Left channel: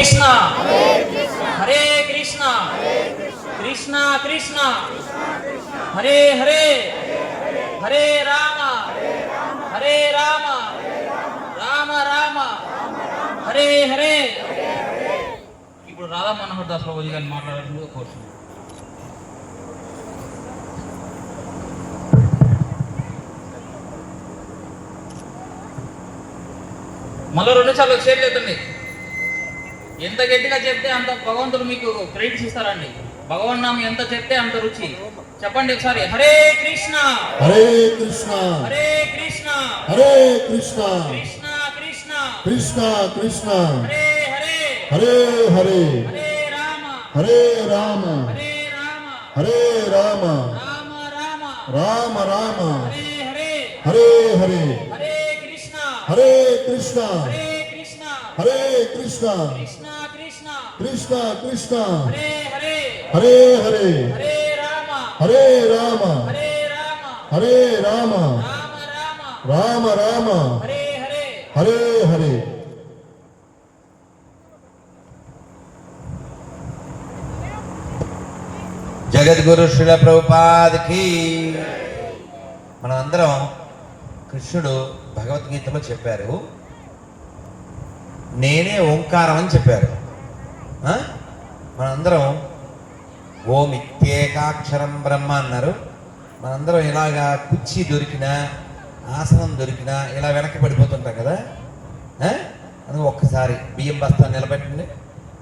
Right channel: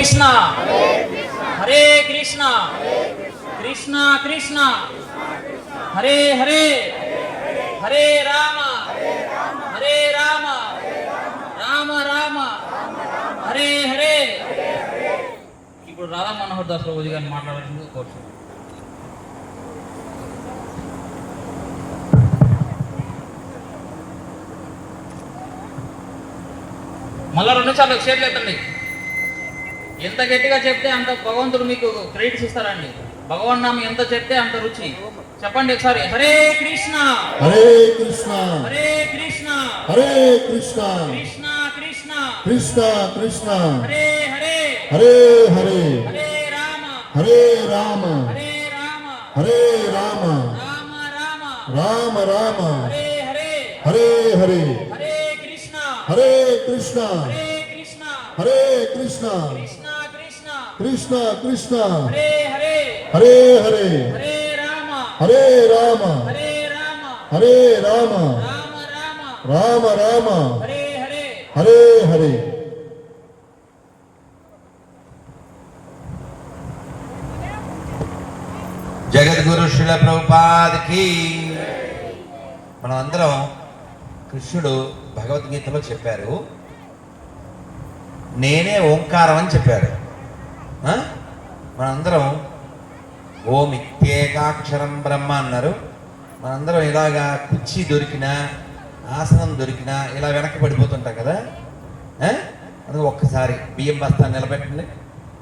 కృష్ణ. హరే కృష్ణ. కృష్ణ. కృష్ణ హరే హరే. హరే రామ. హరే రామ. రామ రామ. హరే హరే. ఇప్పుడు రాధా మనోహర్ దాస్ ప్రభుజీ గారిని మాట్లాడాల్సింది కోరుచున్నాను మళ్ళా రెండు సార్లు ఎత్తండి ఎంత గట్టిగా చెప్తే అంత భగవంతుడు మీకు క్రెడిట్స్ ఇస్తారండి. భగవాన్ నామం ఎంత చెప్తే అంత రుచి. చెప్పండి ఒకసారి. హరే కృష్ణ. హరే కృష్ణ. హరే కృష్ణ. హరే కృష్ణ. కృష్ణ కృష్ణ. కృష్ణ కృష్ణ. హరే హరే. హరే హరే. హరే రామ. హరే రామ. హరే రామ. రామ. రామ హరే హరే. హరే కృష్ణ. హరే కృష్ణ. హరే కృష్ణ. కృష్ణ కృష్ణ. హరే హరే. హరే హరే. హరే రామ. హరే రామ. హరే రామ. హరే రామ. రామ రామ. రామ రామ. హరే హరే. హరే హరే. జగద్గురు శిల ప్రభుపాదికి మనం అందరం కృష్ణుడు భగవద్గీతలో చెప్పారు నేనే ఓంకారం అని చెప్పారు? మనందరం ఓం ఇత్యేకాక్షరం బ్రహ్మ అన్నారు. మనందరం ఇలాగా కుర్చీ దొరికినా ఆసనం దొరికినా ఇలా వెనక్కి పడిపోతుంటాం కదా? అది ఒక్కసారి బియ్యం బస్తా నిలబెట్టండి.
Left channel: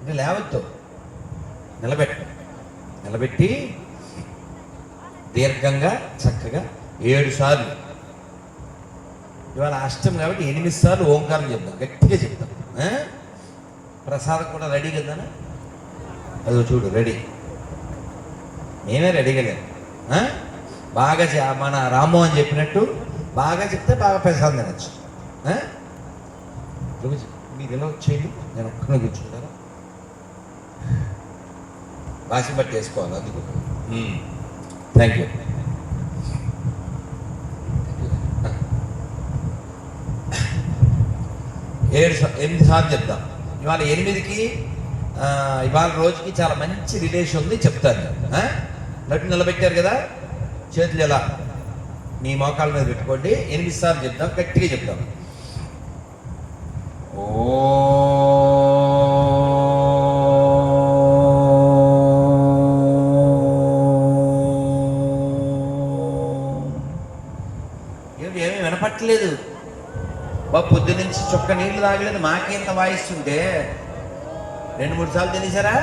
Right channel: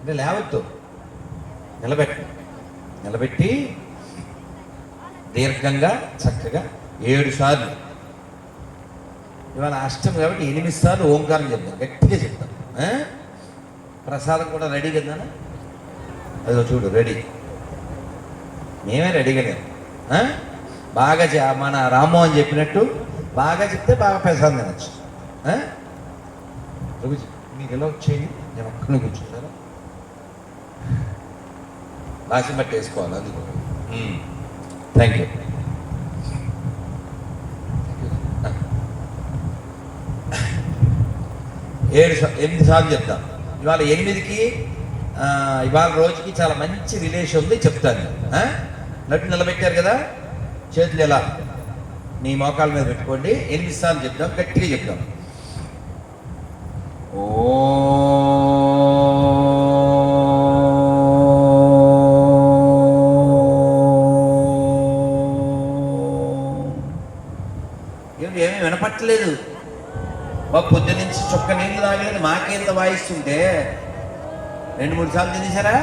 అంటే లేవద్దు. నిలబెట్టండి నిలబెట్టి దీర్ఘంగా చక్కగా ఏడు సార్లు. ఇవాళ అష్టం కాబట్టి ఎనిమిది సార్లు ఓంకారం చెప్తాం. గట్టిగా చెప్తాం. ప్రసాదం కూడా రెడీ కదా అదో చూడు రెడీ. మేమే రెడీగా లేము? బాగా చె- మన రాము అని చెప్పినట్టు బాగా చెప్తే బాగా ప్రసాదం తినచ్చు. మీరు ఇలా వచ్చేయండి? నేను ఒక్కడిని కూర్చుంటారా వాసి బట్టి వేసుకోవాలి? అది థ్యాంక్ యూ ఏడు ఎనిమిది సార్లు చెప్తాం. ఇవాళ ఎనిమిదికి ఇవాళ రోజుకి చాలా మంచి రిలేషన్ ఉంది చెప్తాను. నటు నిలబెట్టారు కదా? చేతులు ఎలా? మీ మోకాల మీద పెట్టుకోండి. ఎనిమిది సార్లు చెప్తాం గట్టిగా చెప్తాం చుక్క నీళ్ళు తాగలేదు మాకేంత వాయిస్తుంటే? రెండు మూడు సార్లు తినేసారా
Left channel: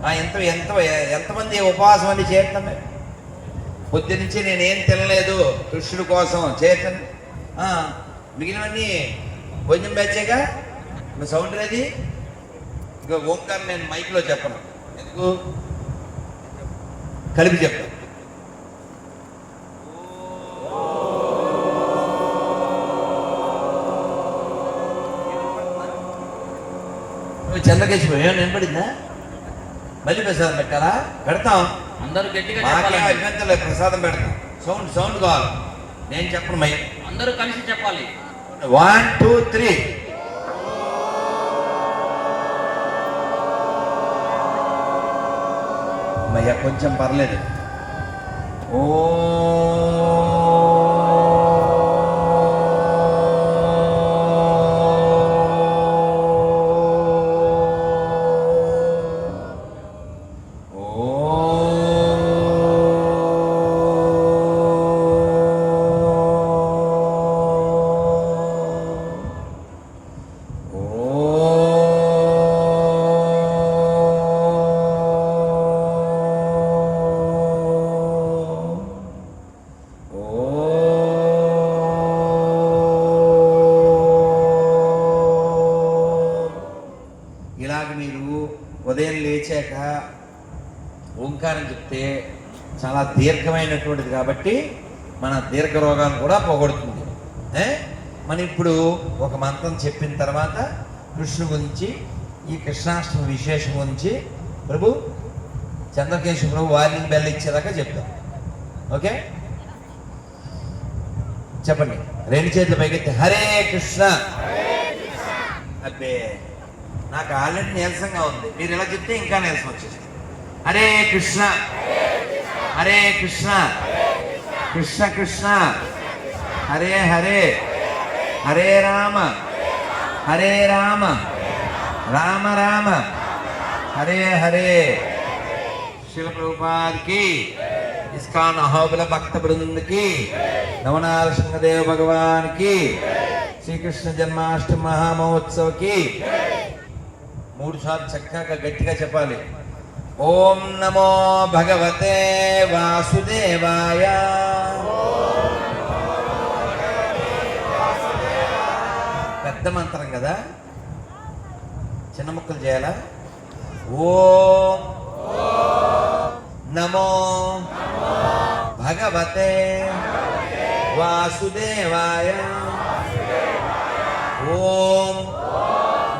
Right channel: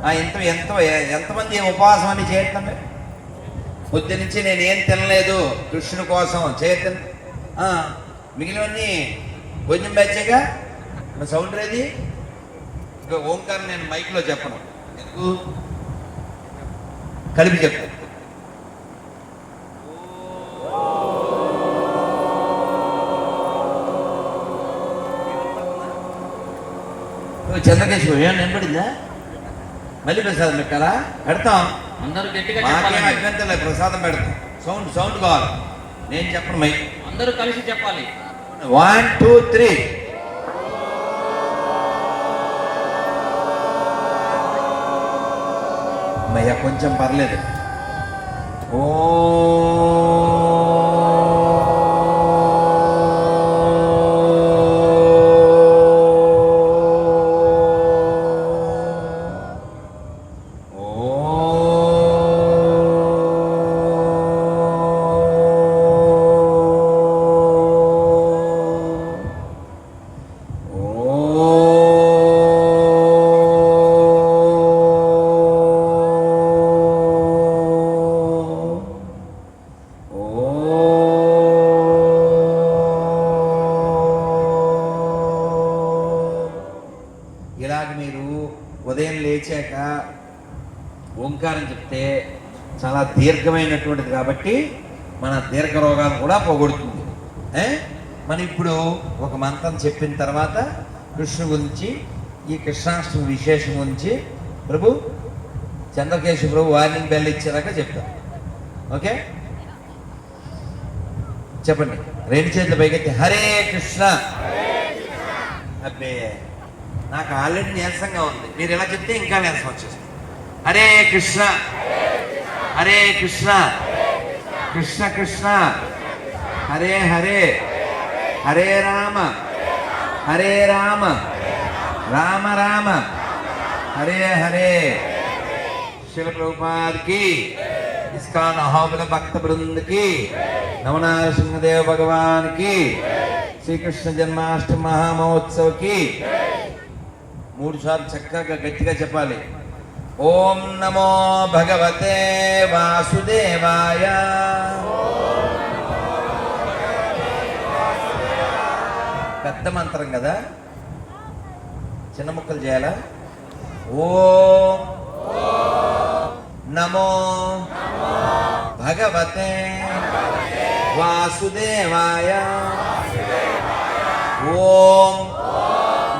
ఆ, ఎంత ఎంత ఎంతమంది ఉపవాసం అని చేస్తామే పొద్దు నుంచి నేనేం తినలేదు కృష్ణుడి కోసం చేతన్ మిగిలినవన్నీ భోజనం బ్యాచేగా మా సౌండ్ అది ఇక ఓంకారం నేను మైక్లో చెప్పను. ఎందుకు? కలిపి చెప్తాను. చంద్రకేశ్వరం ఏమైనా వినపడిందా? మళ్ళీ ప్రసాదం పెట్టారా పెడతాం. అందరూ గట్టిగా మాకేం చెప్పాలి. అభ్యంతరం ప్రసాదం పెడతాం. సౌండ్ సౌండ్ కావాలి. నేను చెప్పను మై అందరూ కలిసి చెప్పాలి. వన్ టూ త్రీ అమ్మయ్య కొంచెం పర్లేదు. ఓ ఉదయం లేచాక ఓంకారం చెప్తే చాలా దీర్ఘమైనటువంటిది కాబట్టి మన దీర్ఘ రోగాలు కూడా పోగొడుతుంది? మనం ఇప్పుడు ఒక మంత్రం చెప్పిన తర్వాత కృష్ణు గురించి ఈ కృష్ణాష్టమి విశేషం గురించి ప్రభు చంద్రకేశవ ప్రభు వార్నింగ్ బెల్ ఇచ్చేదాకా చెప్తాం. ఓకే? చెప్పండి. రెండు చేతులు పైకెత్తి. హరే కృష్ణ. అబ్బే. నాకు ఆల్రెడీ నీరసంగా ఉంది మీరు ఇలా చెప్తే ఇంకా నీరసం వచ్చేసి హరే కృష్ణ హరే కృష్ణ కృష్ణ కృష్ణ హరే హరే హరే రామ హరే రామ రామ రామ హరే హరే శివ ప్రభుపాద్ की इस्कॉन अहोबल भक्त वृंद की नवनाथ सिंहदेव भगवान की श्री कृष्ण जन्माष्टमी మహామహోత్సవ కి మూడు సార్లు చక్కగా గట్టిగా చెప్పాలి. ఓం నమో భగవతే వాసుదేవాయ. పెద్ద మంత్రం కదా? చిన్న ముక్కలు చేయాలా? ఓం నమో భగవతే వాసుదేవాయ. ఓం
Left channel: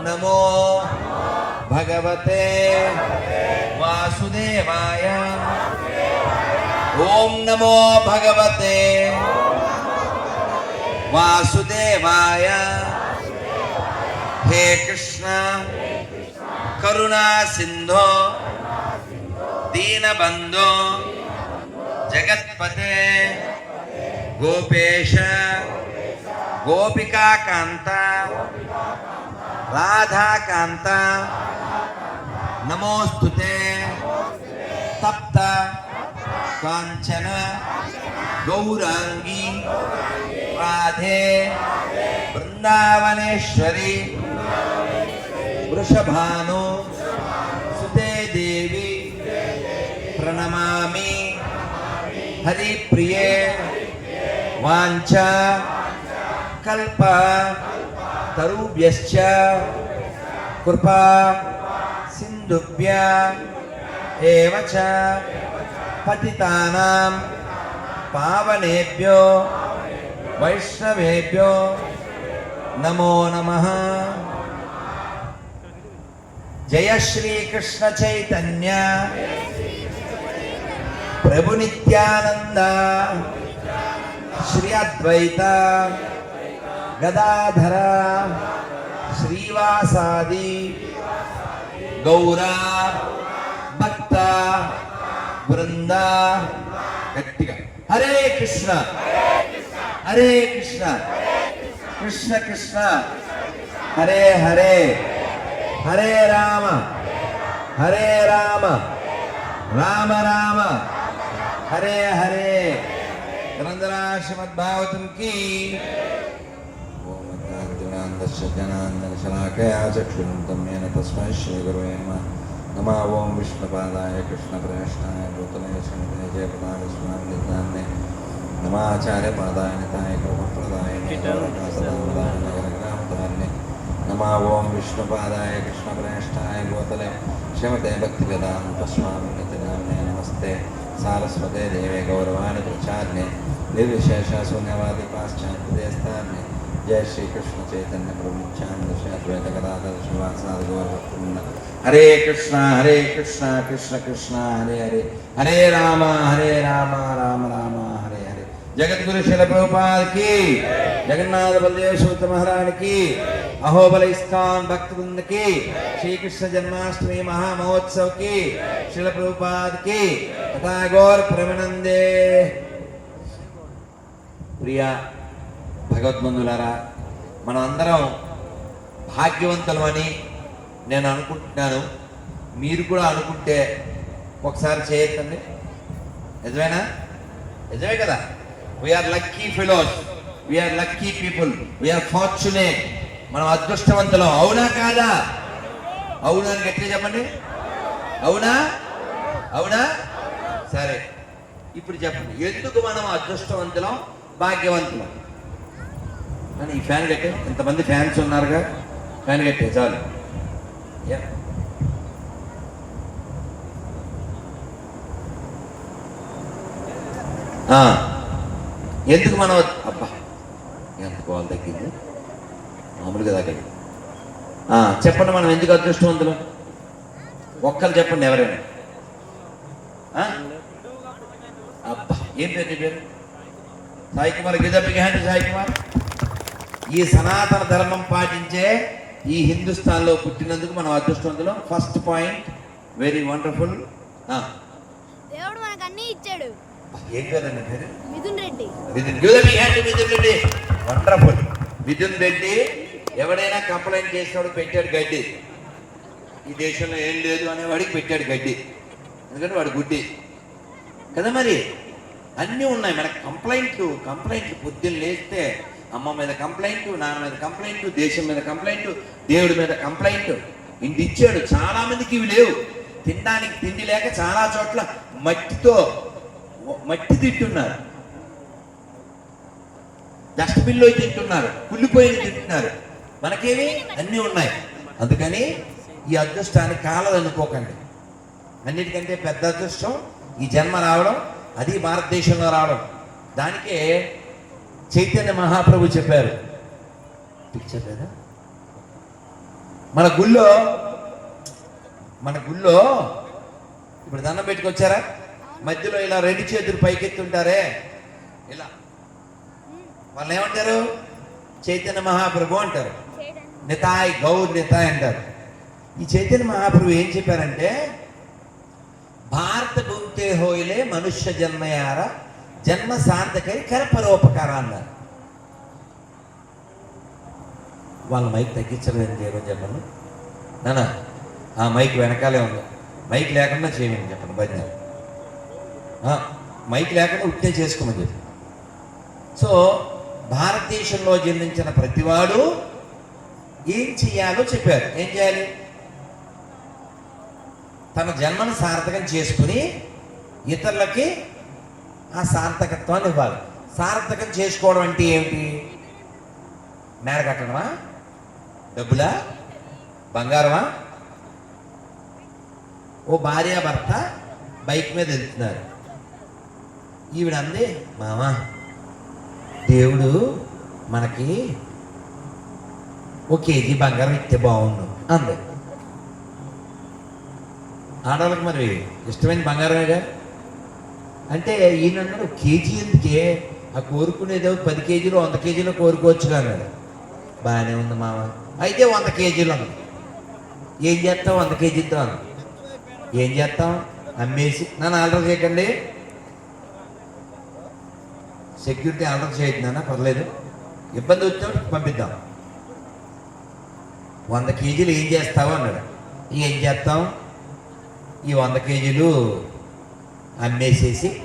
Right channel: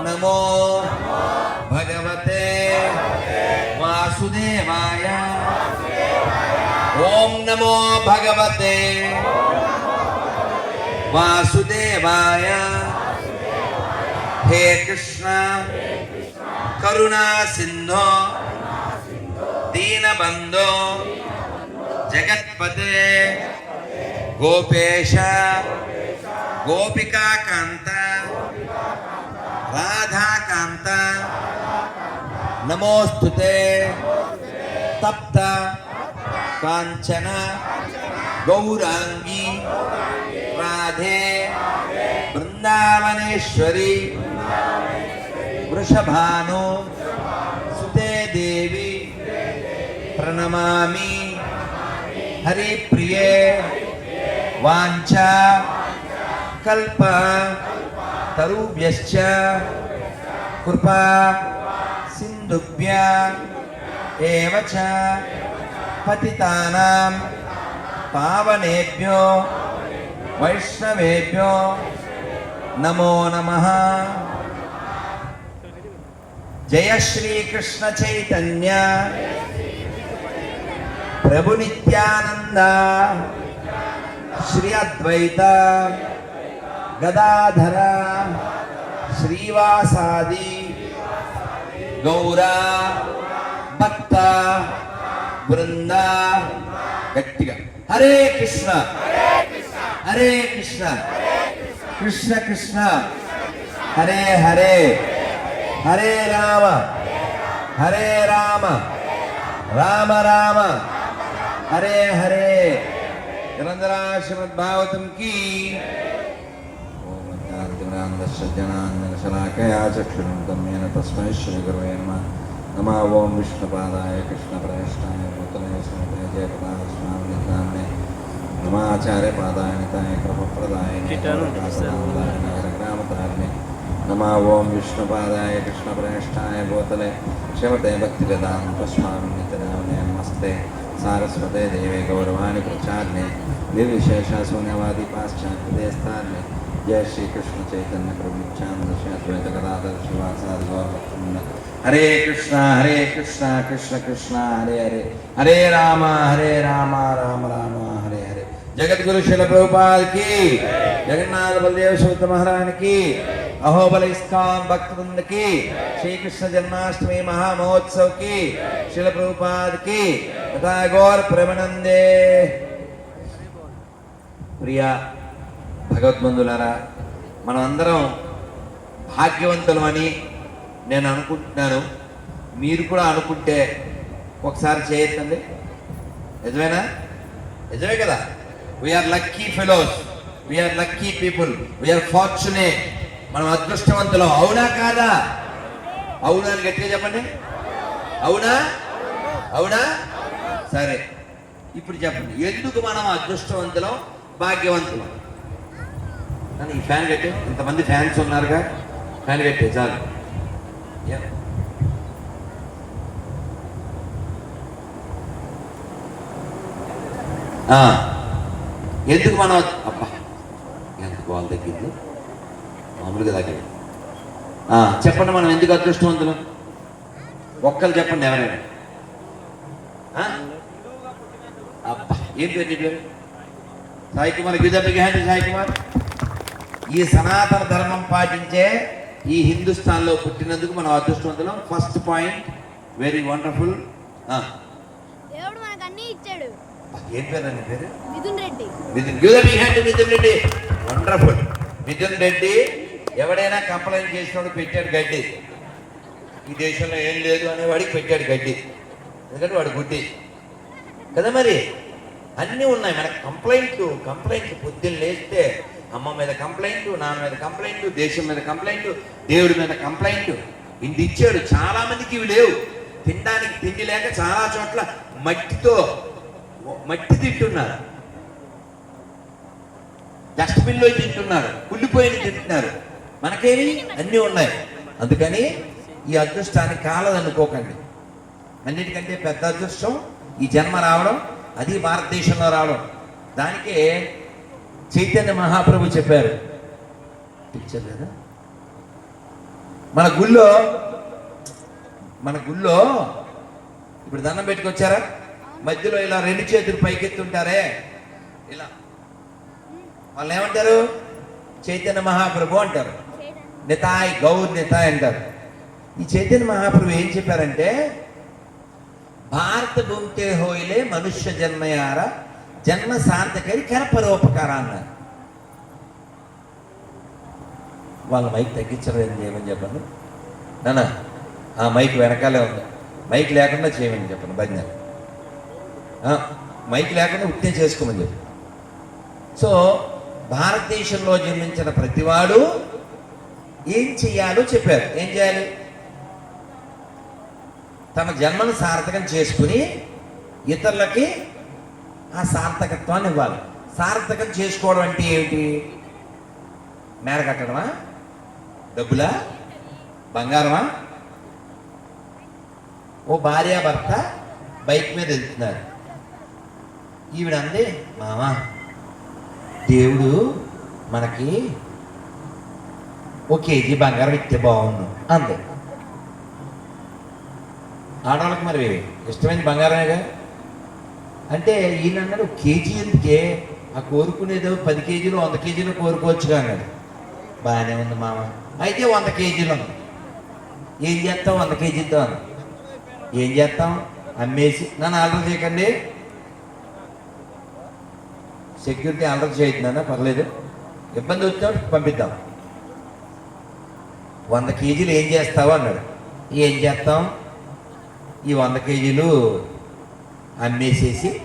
నమో భగవతే వాసుదేవాయ ఓం నమో భగవతే వాసుదేవాయ హే కృష్ణ కరుణా సింధో దీనబంధో జగత్పతే గోపేశ గోపికాకాంత नमोस्तुते तप्त कांचन गौरांगी राधे वृंदावनेश्वरी वृषभानो, सुते देवी प्रणमा हरि प्रिय वाचा कल्प, तरुभ्यश्च, कृपा। కృపా సింధుభ్య ఏవ చ పతితానాం పావనేభ్యో వైష్ణవేభ్యో నమో నమః జయ శ్రీకృష్ణ చైతన్య ప్రభు నిత్యానంద శ్రీ అద్వైత గదాధర శ్రీవాసాది గౌర భక్త బృంద గట్టిగా. హరే కృష్ణ. హరే కృష్ణ. కృష్ణ కృష్ణ. హరే హరే. హరే రామ. హరే రామ. రామ రామ. హరే హరే. గ్రంథరాశ్రమద్ భాగవతం आनन्दस्य ज्ञानाञ्जनशलाकया चक्षुरुतं येन तस्मै श्रीगुरवे नमः। नमः विष्णुपादाय कृष्णप्रेष्ठाय नूतने श्रीमते जयप्रदास्मान् दत्तान्ने नमाचार्यपादाय निताय कृपप्रदाय हरिग्रामतारिणे नमः ॐ विष्णुपादाय कृष्णप्रेष्ठाय गोतले। श्रीमते भक्तिप्रदां तस्मान् नमस्ते। सारस्वते देवे गौरवाणि प्रचार्ये निर्विशेषशून्यवादि पाश्चात्य स्थाने జయ శ్రీకృష్ణ చైతన్య ప్రభు నిత్యానంద శ్రీ అద్వైత గదాధర శ్రీవాసాద హరే కృష్ణ హరే కృష్ణ కృష్ణ కృష్ణ హరే హరే. హరే రామ హరే రామ రామ రామ హరే హరే. జగద్గురు శిల ప్రభుపాదకి జగన్నాథ బలదేవ సూత మహారాణికి అహోబల ఇస్కాన్ భక్తి బృందకి శ్రీకృష్ణ జన్మాష్టమి మహామహోత్సవ్కి శిల ప్రభుపాదకి కి గోర్ ప్రేమనందే ప్రియ భగవద్బంధులారా మనం అందరం భాగ్యవంతులు అని నేను అనుకుంటున్నాను. మీరు కూడా అనుకుంటే ఒకసారి చేయొచ్చండి. నిజమేనా? నిజమే కదా? We are lucky fellows we are lucky people we are fortunate మనం అదృష్టవంతులం. అవునా కాదా? అవునా అని గట్టిగా చెప్పండి. అవునా? అవునా? సరే. ఇప్పుడు చెప్పండి. ఎందుకు మనం అదృష్టవంతులం? భాగ్యవంతులం? అని ఈ ఫ్యాన్ కట్టే ఇంతమంది ఫ్యాన్స్ ఉన్నారుగా ఫ్యాన్ కట్టే చాలు. ఆ, ఎందుకు మనం అబ్బా. ఎంత కాల్ తగ్గింది మామూలుగా తగ్గదు చెప్పండి మనం ఎందుకు అదృష్టవంతులు? ఒక్కరు చెప్పండి ఎవరైనా. అబ్బా. ఏం పేరు నీ పేరు? సాయి కుమార్ గిజ బిగ్ హ్యాండ్ సాయి కుమార్? ఈ సనాతన ధర్మం పాటించే ఈ హిందుస్థాన్లో పుట్టినందుకు మనం అదృష్టవంతులం. ఫస్ట్ పాయింట్ వెరీ వండర్ఫుల్ దేవుడు మనకు అన్ని ఇచ్చాడు. ఏం పేరండి పేరు? Mithun Reddy. Mithun. Give hand Mithun Reddy. Wonderful Mithun Reddy ఎవడైనా కంప్లైంట్ చేసినాడు పెట్టాడు గడ్డి. ఈ దేశంలో ఏం లేదు అనేవాడికి పెట్టాడు గడ్డి. ఎందుకంటే వాడు గుడ్డి. కదా మరి? అన్నీ ఉన్నాయి. మన కంప్లైంట్లు కంప్లైంట్లు పొద్దున్న లేస్తే అమ్మ మీద కంప్లైంట్ నాన్న మీద కంప్లైంట్ దేశం మీద కంప్లైంట్ దేవుడి మీద కంప్లైంట్ ఇంటి ఇచ్చాడు. చాలా మందికి ఇవి లేవు. తినడానికి తిండి లేక చాలా చోట్ల మట్టితో మట్టి తింటున్నారు. డస్ట్బిన్లో తింటున్నారు. కుళ్ళిపోయి తింటున్నారు. మనకేమి అన్నీ ఉన్నాయి. అందుకని ఈ అదృష్టానికి కాలదనుకోకండి అన్నిటికంటే పెద్ద అదృష్టం ఈ జన్మ రావడం అది భారతదేశంలో రావడం. దానికే చైతన్య మహాప్రభు చెప్పారు. పిక్చర్ లేదా మన గుళ్ళో మన గుళ్ళో ఇప్పుడు దండం పెట్టుకొచ్చారా? మధ్యలో ఇలా రెండు చేతులు పైకెత్తుంటారే. ఇలా. వాళ్ళు ఏమంటారు? చైతన్య మహాప్రభు అంటారు. నితాయ్ గౌర్ నితాయ్ అంటారు. ఈ చైతన్య మహాప్రభు ఏం చెప్పారంటే భారత భూమితే హోయిలే మనుష్య జన్మయార జన్మ శాంతకరి కరపరోపకార అన్నారు వాళ్ళ మైక్ తగ్గించలేదు ఏమని చెప్పను నాన్న ఆ మైక్ వెనకాలే ఉంది. మైక్ లేకుండా చేయమని చెప్పండి భజన మైక్ లేకుండా ఉత్తే చేసుకోమని చెప్పి సో భారతదేశంలో జన్మించిన ప్రతివాడు ఏం చేయాలో చెప్పారు ఏం చేయాలి? తన జన్మను సార్థకం చేసుకుని ఇతరులకి ఆ సార్థకత్వాన్ని ఇవ్వాలి. సార్థకం చేసుకోవడం అంటే ఏమిటి? మేడ కట్టడమా? డబ్బులా? బంగారమా? ఓ భార్య భర్త బైక్ మీద వెళ్తున్నారు. ఈవిడ అంది మామా దేవుడు మనకి ఓ కేజీ బంగారం ఇస్తే బాగుంది అంది. ఆడవాళ్ళకి మరి ఇష్టమైన బంగారమేగా? అంటే ఈయన అన్నాడు కేజీ ఎందుకే? ఆ కోరుకునేదో పది కేజీలు వంద కేజీలు కోరుకోవచ్చు కానీ బాగానే ఉంది మామ అయితే వంద కేజీలు ఏం చేస్తాం వంద కేజీతో ఏం చేస్తాం? అమ్మేసి నన్ను ఆర్డర్ చేయకండి. సెక్యూరిటీ ఆర్డర్ చేయొద్దునా పర్లేదు. ఇబ్బంది వచ్చా పంపిద్దాం. వంద కేజీలు ఏం చేస్తావు అన్నాడు. ఏం చేస్తాం? ఈ వంద కేజీలు అమ్మేసేసి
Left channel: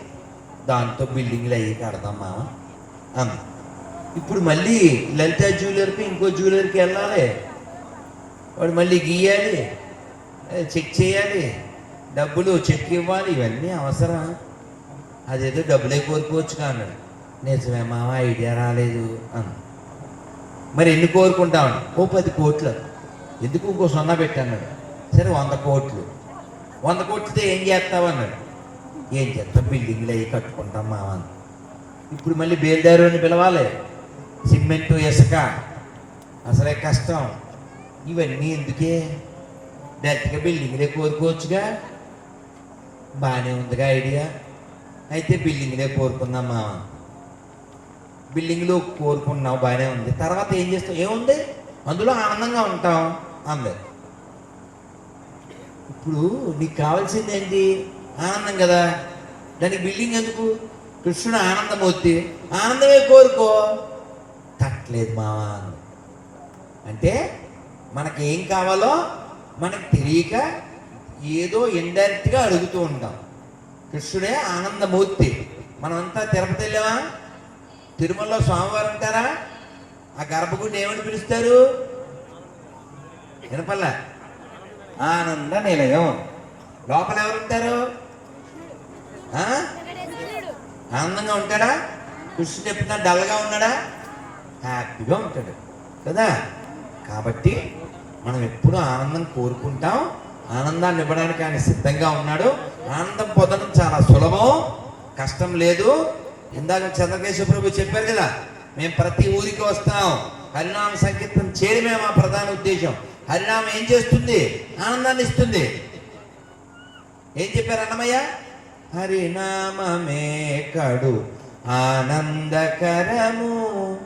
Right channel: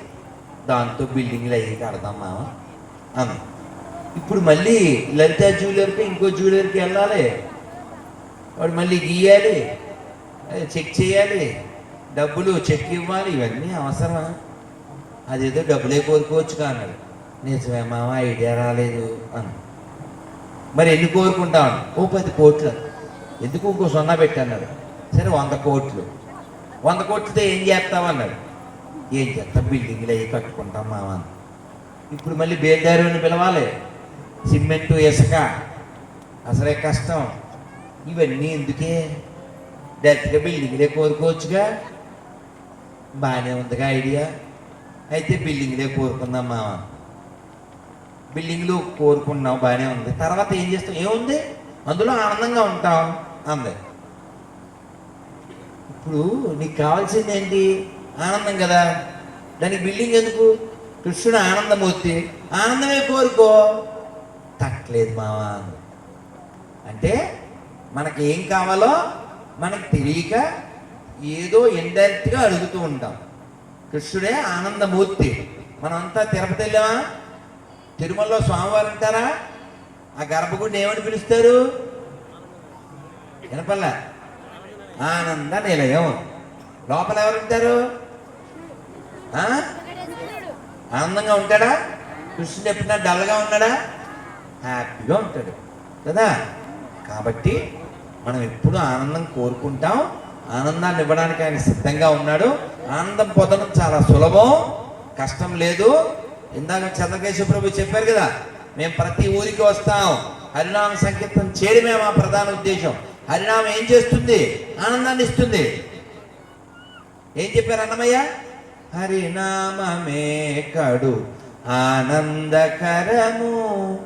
దాంతో బిల్డింగ్లు అయ్యి కడదాం మామ. అన్న ఇప్పుడు మళ్ళీ లలిత జ్యువెలర్కి ఇంకో జ్యువెలర్కి వెళ్ళాలి. వాడు మళ్ళీ గీయాలి. చెక్ చేయాలి. డబ్బులు చెక్ ఇవ్వాలి. ఇవన్నీ అవసరమా? అదేదో డబ్బులే కోరుకోవచ్చు అన్నాడు. నిజమే మామ ఐడియా రాలేదు అన్న మరి ఎన్ని కోరుకుంటాం? ఓ పది కోట్లు. ఎందుకు ఇంకో సొన్నా పెట్టన్నాడు? సరే వంద కోట్లు. వంద కోట్లతో ఏం చేస్తావు అన్నాడు. ఏం చేస్తాం? బిల్డింగ్లు అవి కట్టుకుంటాం మామ ఇప్పుడు మళ్ళీ బేల్దారుని పిలవాలి. సిమెంట్ ఇసుక. అసలే కష్టం. ఇవన్నీ ఎందుకే? డైరెక్ట్గా బిల్డింగ్లే కోరుకోవచ్చుగా. బాగానే ఉందిగా ఐడియా. అయితే బిల్డింగ్లే కోరుకుందాం మామ బిల్డింగ్లు కోరుకున్నావు బాగానే ఉంది. తర్వాత ఏం చేస్తావు? ఏముంది? అందులో ఆనందంగా ఉంటాం అంది. ఇప్పుడు నీకు కావాల్సింది ఏంటి ఆనందం కదా? దానికి బిల్డింగ్ ఎందుకు? కృష్ణుడు ఆనందమూర్తి. ఆనందమే కోరుకో. తట్టలేదు మావా అంటే మనకి ఏం కావాలో మనకు తెలియక ఏదో ఇండైరెక్ట్గా అడుగుతూ ఉంటాం. కృష్ణుడే ఆనందమూర్తి. మనమంతా తిరుపతి వెళ్ళామా? తిరుమలలో స్వామివారు ఉంటారా? ఆ గర్భగుడిని ఏమని పిలుస్తారు? వినపల్లా ఆనంద నిలయం. లోపల ఎవరు ఉంటారు? ఆనందంగా ఉంటాడా? కృష్ణుడు చెప్తున్నా డల్గా ఉన్నాడా? హ్యాపీగా ఉంటాడు కదా? కాబట్టి మనం ఎప్పుడు ఆనందం కోరుకుంటాం. ఆనందాన్ని ఇవ్వడానికి ఆయన సిద్ధంగా ఉన్నాడు. ఆనందం పొందడం చాలా సులభం కష్టం లేదు. ఇందాక చంద్రకేశ్వర ప్రభు చెప్పారు కదా మేము ప్రతి ఊరికి వస్తాం. హరినామ సంకీర్తనం చేయడమే మా ప్రధాన ఉద్దేశం. హరినామం ఏం చేస్తుంది? ఆనందాన్ని ఇస్తుంది. ఏం చెప్పారు అన్నమయ్య? హరినామమే కడు. ఆనందకరము.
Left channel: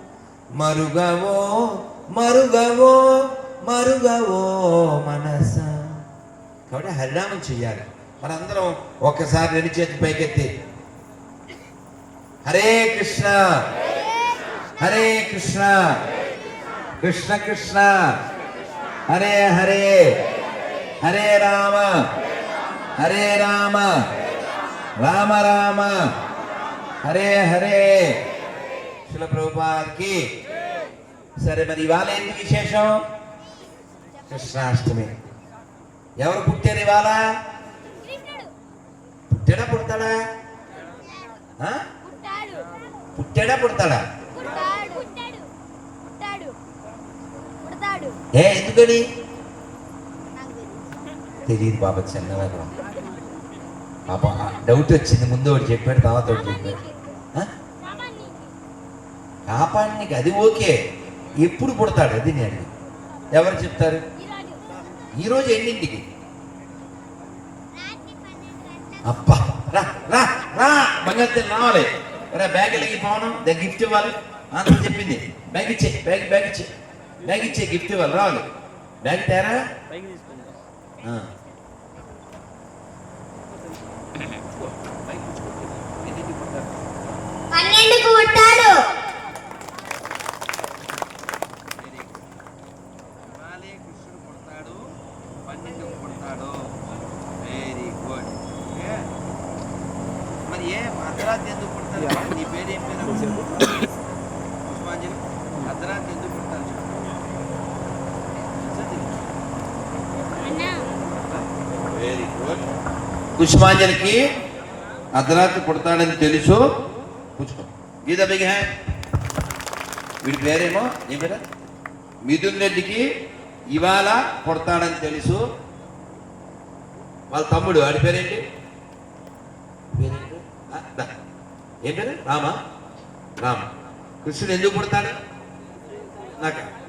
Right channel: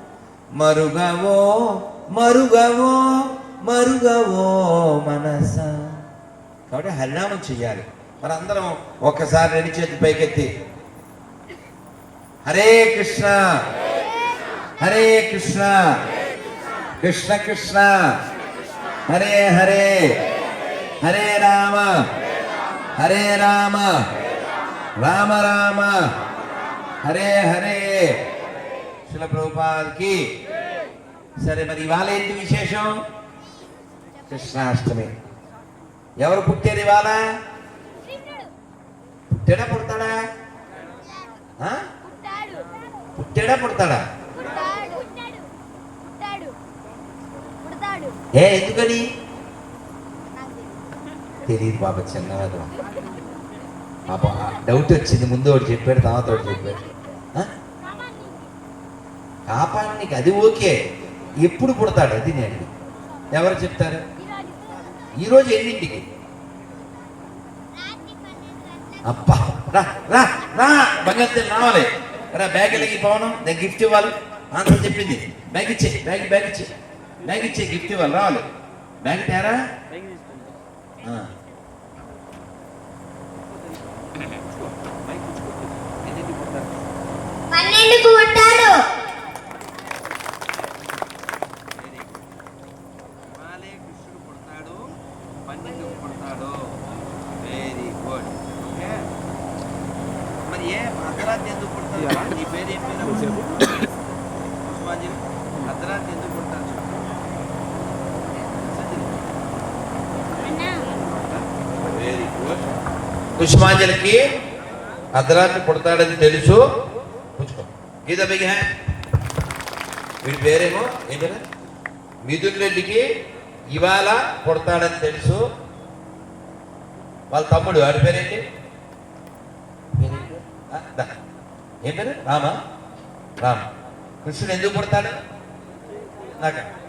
మరుగవో మరుగవో మరుగవో మనస. కాబట్టి హరినామం చెయ్యాలి. మనందరం ఒక్కసారి రెండు చేతి పైకెత్తి. హరే కృష్ణ. హరే కృష్ణ. కృష్ణ కృష్ణ. హరే హరే. హరే రామ. హరే రామ. రామ రామ. హరే హరే. శిల ప్రభుపాల్కి సరే మరి ఇవాళ ఏంటి విశేషం? కృష్ణాష్టమి. ఎవరు పుట్టేది ఇవాళ? పుట్టాడా పుడతాడా? పుట్టాడు పుడతాడా? ఏ ఎందుకని? తెలియదు. బాబా చెన్నారా పాపం డౌట్ వచ్చింది ముందు ఒకటి చెప్పాడు తర్వాత ఒకటి చెప్పాడు? కాపానికి అది ఓకే ఎప్పుడు పుడతాడు అది నేను. ఎవరు చెప్తారు? ఈరోజు ఎన్నింటికి? అబ్బా రా రా రా బంగారు రావాలి. రా బ్యాగ్ వెళ్ళి పోవడం దా గిఫ్ట్ ఇవ్వాలి. మాతో చెప్పింది బ్యాగ్ ఇచ్చే బ్యాగ్ బ్యాగ్ ఇచ్చే బ్యాగ్ ఇచ్చే గిఫ్ట్ ఇవ్వాలి రావాలి. బ్యాగ్ తేరా? ఆ. పన్నెండుకు పుట్టాడు ఇవాళే కృష్ణుడు పుడతాడు పన్నెండుకు పుడతాడు వెరీ గుడ్ ఓకే మరి ఏ అర్ధరాత్రి ఎందుకు పుడతాడు నీ పేరు ఏం పేరు పుష్పాంజలి అర్ధరాత్రి ఎందుకు పుడతాడు చెప్పు. తెలుసా తెలీదా? వెరీ గుడ్ పుష్పాంజలికి అర్ధరాత్రి పుడతాడని తెలుసు. పుచ్చుకో. గీత బిగ్ హ్యా వీడి పేరేమో ఏం పేరు? మిథున్ రెడ్డికి ఇవాళ పుడతాడని తెలుసు. వాళ్ళ తమ్ముడు వాడి పేరేంటి. ఏం పేరు? రామ. రామ. కృష్ణుడు ఎందుకు పుడతాడు? నాకు.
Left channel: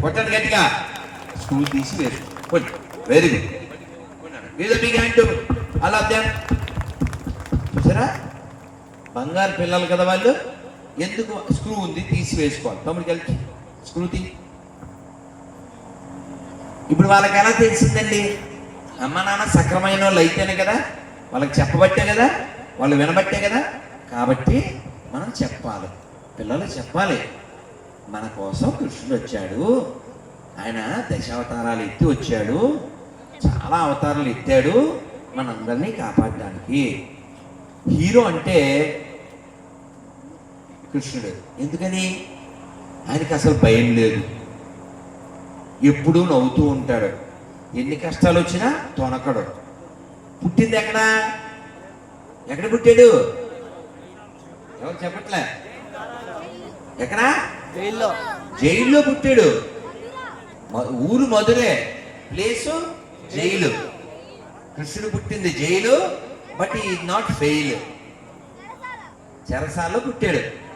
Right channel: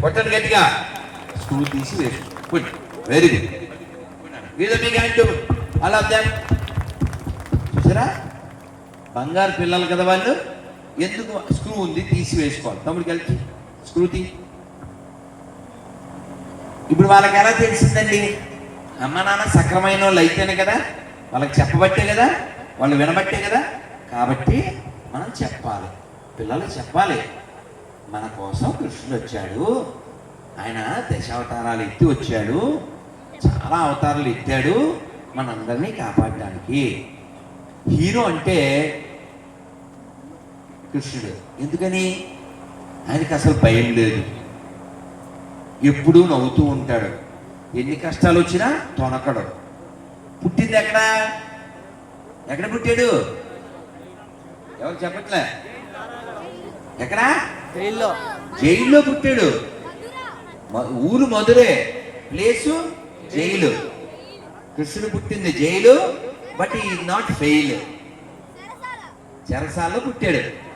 కొట్టండి గట్టిగా. స్కూల్ తీసి వేసు వెరీ గుడ్ అలా చూసారా? బంగారు పిల్లలు కదా వాళ్ళు? ఎందుకు స్క్రూ ఉంది? తీసి వేసుకోవాలి. తమ్ముడికి కలిసి స్క్రూ తీ. ఇప్పుడు వాళ్ళకి ఎలా తెలిసిందండి? అమ్మ నాన్న సక్రమైన వాళ్ళు అయితేనే కదా? వాళ్ళకి చెప్పబట్టే కదా? వాళ్ళు వినబట్టే కదా? కాబట్టి మనం చెప్పాలి. పిల్లలు చెప్పాలి. మన కోసం కృష్ణుడు వచ్చాడు. ఆయన దశావతారాలు ఎత్తి వచ్చాడు. చాలా అవతారాలు ఎత్తాడు. మనందరినీ కాపాడడానికి. హీరో అంటే కృష్ణుడు. ఎందుకని? ఆయనకి అసలు భయం లేదు. ఎప్పుడూ నవ్వుతూ ఉంటాడు. ఎన్ని కష్టాలు వచ్చినా తొనకడు. పుట్టింది ఎక్కడ? ఎక్కడ పుట్టాడు? ఎవరు చెప్పట్లే? ఎక్కడ? జైల్లో. జైల్లో పుట్టాడు. ఊరు మధురే. Place jail. కృష్ణుడు పుట్టింది జైలు బట్ ఈ నాట్ ఫెయిల్ చెరసాలలో పుట్టాడు.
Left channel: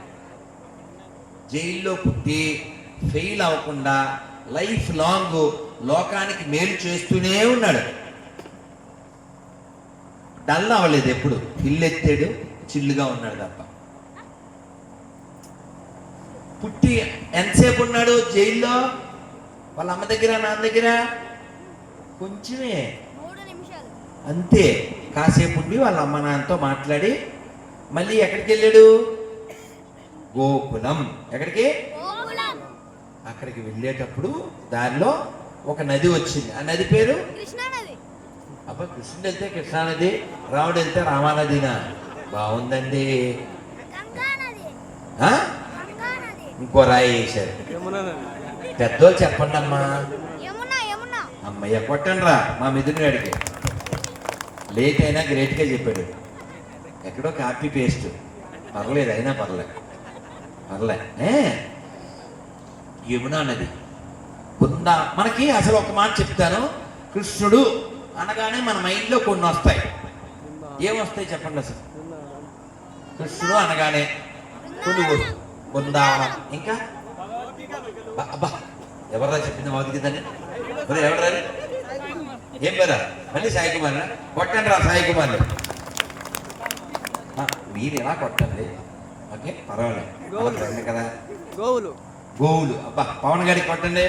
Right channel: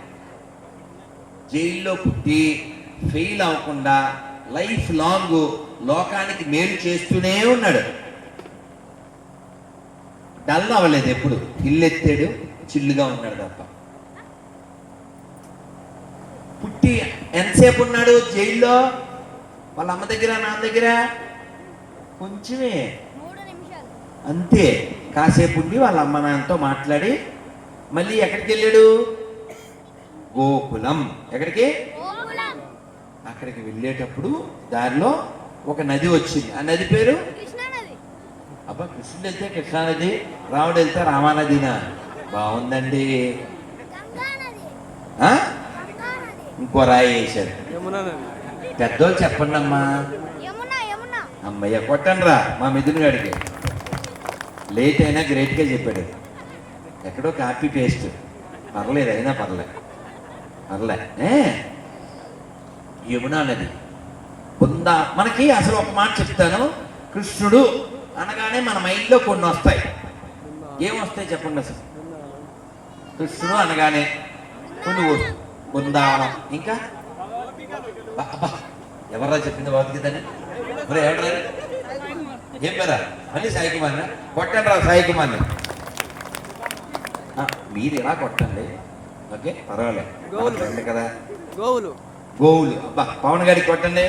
జైల్లో పుట్టి ఫెయిల్ అవ్వకుండా లైఫ్ లాంగ్ లోకానికి మేలు చేస్తూనే ఉన్నాడు. డల్ అవ్వలేదు ఎప్పుడు. ఇల్లెత్తాడు చిల్లుగా ఉన్నాడు తప్ప. పుట్టి ఎంతసేపు ఉన్నాడు జైల్లో? వాళ్ళ అమ్మ దగ్గర నాన్న దగ్గర? కొంచెమే. మూడు నిమిషాలు. అంతే. కాసేపు ఉండి వాళ్ళ అమ్మ నాన్నతో మాట్లాడి మళ్ళీ ఎక్కడికి వెళ్ళాడు? గోకులం. ఎక్కడికి? గోకులం. అక్కడికి వెళ్ళేటప్పుడు దారిలో ఒక నది వచ్చింది. ఆ నది పేరు? అబ్బా కృష్ణుడు వెళ్తే కృష్ణానది రాముడు వెళ్తే రామానదినా? బాగుందండి. గంగా నది ఆ? గంగా నది ఇంకో రాయి వేశారు. పెద్దోళ్ళు చెప్పండి అమ్మా అమ్మయ్య కొట్టండి రా మా మిథున్ గారికి లేట్ అయినా గ్రేట్గా చెప్పాడు. ఎక్కడో కాపీ పేస్ట్. పర్లేదు అయినా పర్లే. పర్లే? యమునా నది. ఉందా మనకి అసలు ఒక మాట చెప్తాను. కృష్ణుడు అనగానే మన మైండ్లో కొన్ని వస్తాయి. ఏమొస్తాయి చెప్పండి అసలు? కృష్ణుడు అనగానే కొన్ని బృందావనం. ఇంకా? అబ్బా ఎవరా చెప్పింది భగవద్గీతని మరి ఎవరా అది? ఏం పేరా? మళ్ళీ సాయి కుమార్ కొట్టండి రా సాయి కుమార్ మీరు ఎలా కొట్టండి? ఓకే పర్వాలేదు. కదా. గోవులు. గోవులు. అబ్బా పవన్ గారికి కొట్టండి.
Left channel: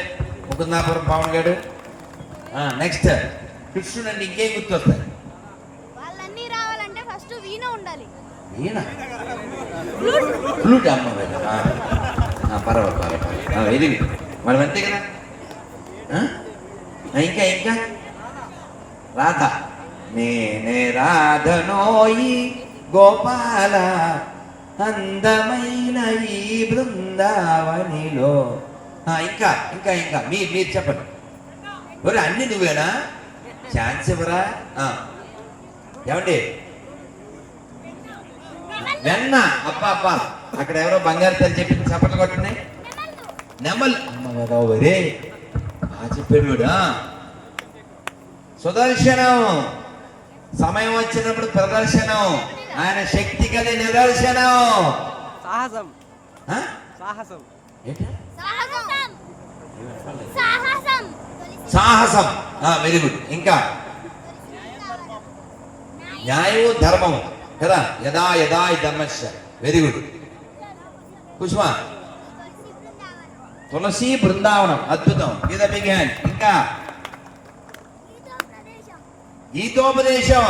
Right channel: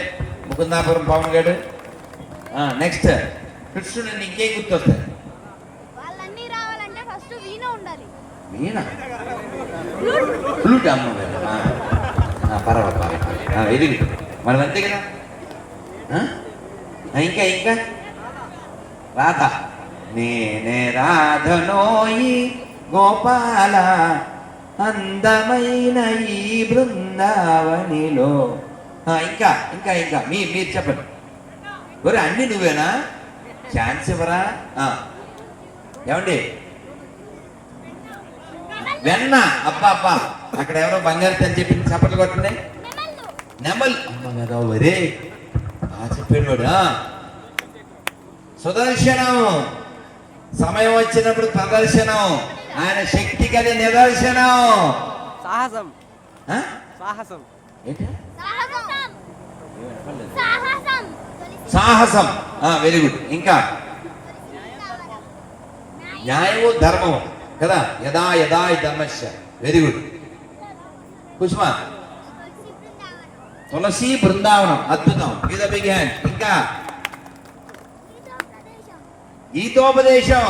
ముకుందాపురం పవన్ గారు నెక్స్ట్ కృష్ణుడు అంటే ఇంకేం గుర్తొస్తాయి? వాళ్ళన్నీ రావాలంటే ఫస్ట్ వీణ ఫ్లూట్. అమ్మ పర్వాలేదు. ఇది మనం అంతే కదా? ఆ? ఇంకా ఇంకా? రాధ. నేనే రాధనోయి గోపాల అందమైన ఈ బృందావనిలో. ఆ, ఇంకా ఇంకా ఇంకా. మీ మీరు చెప్పండి. ఒరే అన్ని నువ్వేనా? ఛాన్స్ ఇవ్వరా ఆ. ఏమండి? వెన్న. అబ్బా అబ్బా. అక్కడ ఎవరో బంగారు తెచ్చి చెప్పింది చప్పట్లు కొట్టండి నెమల్. అమ్మ కదా వరే ఆ చెప్పాడు. సుదర్శనం. సమయం వచ్చినప్పుడు ప్రదర్శనం. ఆయన శక్తి కలి నిదర్శనం. సాహసం? సాహసం. ఏంటి? సాహసం. వెరీ గుడ్ ఇంకా. న్యాయము ధర్మము. కదా? యదా యదా ధర్మశ వెరీ గుడ్ పుష్ప. తులసి బృందావనం అద్భుతం మీద బిగ్ హ్యాండ్ ఇంకా గీతోపదేశం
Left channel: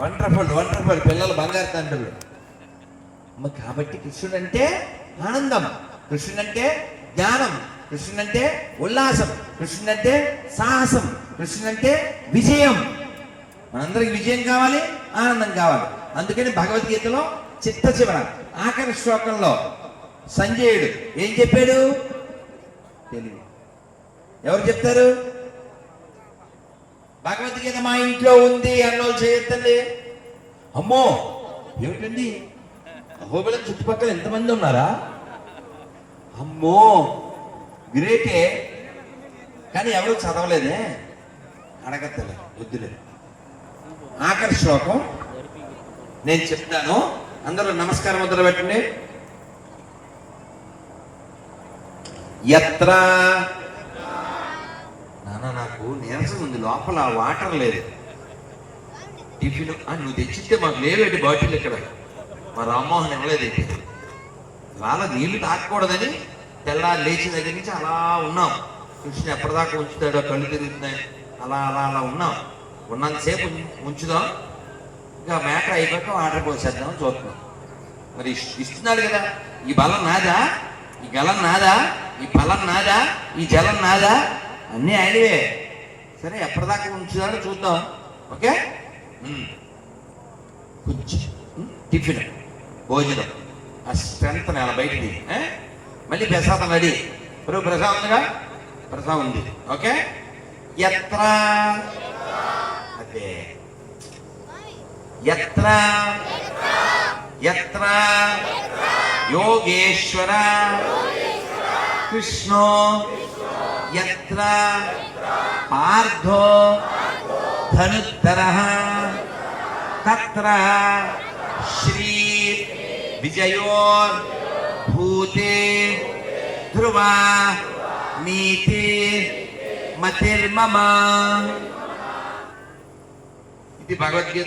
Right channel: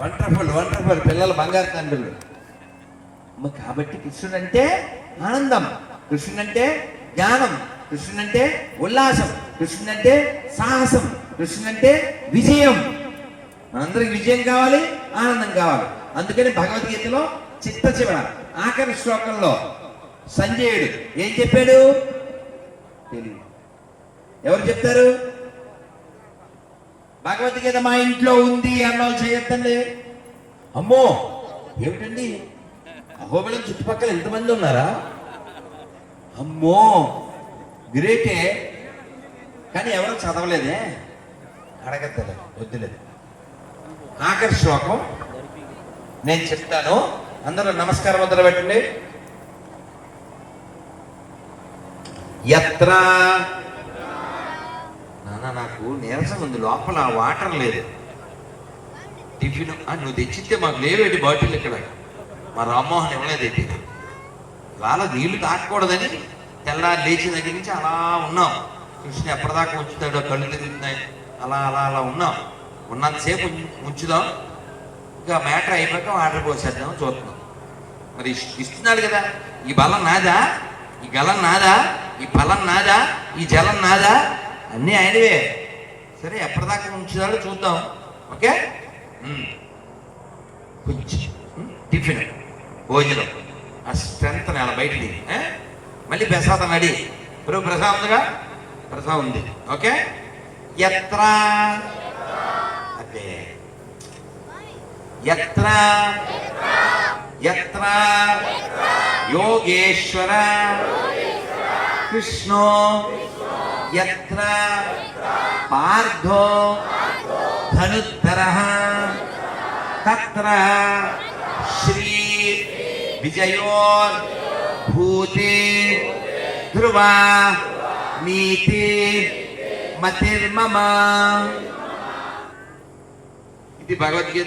వండర్ఫుల్ వండర్ఫుల్ పిల్లలు బంగారు తండ్రులు. కాబట్టి కృష్ణుడు అంటే ఆనందం. కృష్ణుడు అంటే జ్ఞానం. కృష్ణుడు అంటే ఉల్లాసం. కృష్ణుడు అంటే సాహసం. కృష్ణుడు అంటే విజయం. అందరికి విజయం కావాలి ఆనందం కావాలి. అందుకని భగవద్గీతలో చిత్త చివర ఆఖరి శ్లోకంలో సంజయుడు. ఏం చెప్పాడు? తెలివి ఎవరు చెప్తారు? భగవద్గీత మా ఇంట్లో ఉంది అన్నోళ్ళు చేయొద్దండి. అమ్మో! ఏమిటండి? అహోబిలం చుట్టుపక్కల ఎంతమంది ఉన్నారా? అమ్మో! గ్రేటే. కానీ ఎవరు చదవలేదే? అడగద్దలే వద్దులేదు. ఆఖరి శ్లోకం. నేను చెప్తాను. అందరూ నమస్కారం మొదలు పెట్టండి ఎత్ర? నాన్న నాకు నీరసం ఉంది. లోపల వాటర్ లేదు. టిఫిన్ నువ్వు తెచ్చిస్తే మాకు లేవేటి బాటిల్ ఇక్కడ. మా రామ్మోహన్ ఇవ్వలేదేంటి వాళ్ళ నీళ్ళు తాకూడదని తెల్లారి లేచిన దగ్గర నుంచి అలా ఉన్నాం. కృష్ణ ఎప్పటిదాకా ఉంచుతాడో కళ్ళు తిరుగుతున్నాయి. అలా అలా అలా ఉన్నాం. ఉన్నంతసేపు ఉంచుదాం. ఇంకా మ్యాటర్ అయిపోయాక ఆర్డర్ పోసేద్దాం చూస్తున్నాం మరి ఇస్తున్నాడు కదా. ఈ బలం నాదా? ఈ గలం నాదా? ఈ ఫలం నాదా? ఈ జలం నాదా? అన్నీ ఆయనవే. సరే ఎప్పటిదాకా ఉంచుతాడో చూద్దాం. ఓకే? కొంచెం టిఫిన్ భోజనం. ఆ స్ట్రెంత్ నెల బయటిది మళ్ళీ ప్రసాదం రెడీ. ఇప్పుడు ప్రసాదం ఉందిగా? ప్రసాదం ఉంది. ఓకే? ఎత్ర? అదే. ఎత్ర? ఎత్ర? యోగేశ్వర? కృష్ణో ఎత్ర పార్థో ధనుత్తర తత్ర శ్రీ విజయోర్ భూతే ధ్రువ నీతి మతిర్మమ ఇది భగవద్గీత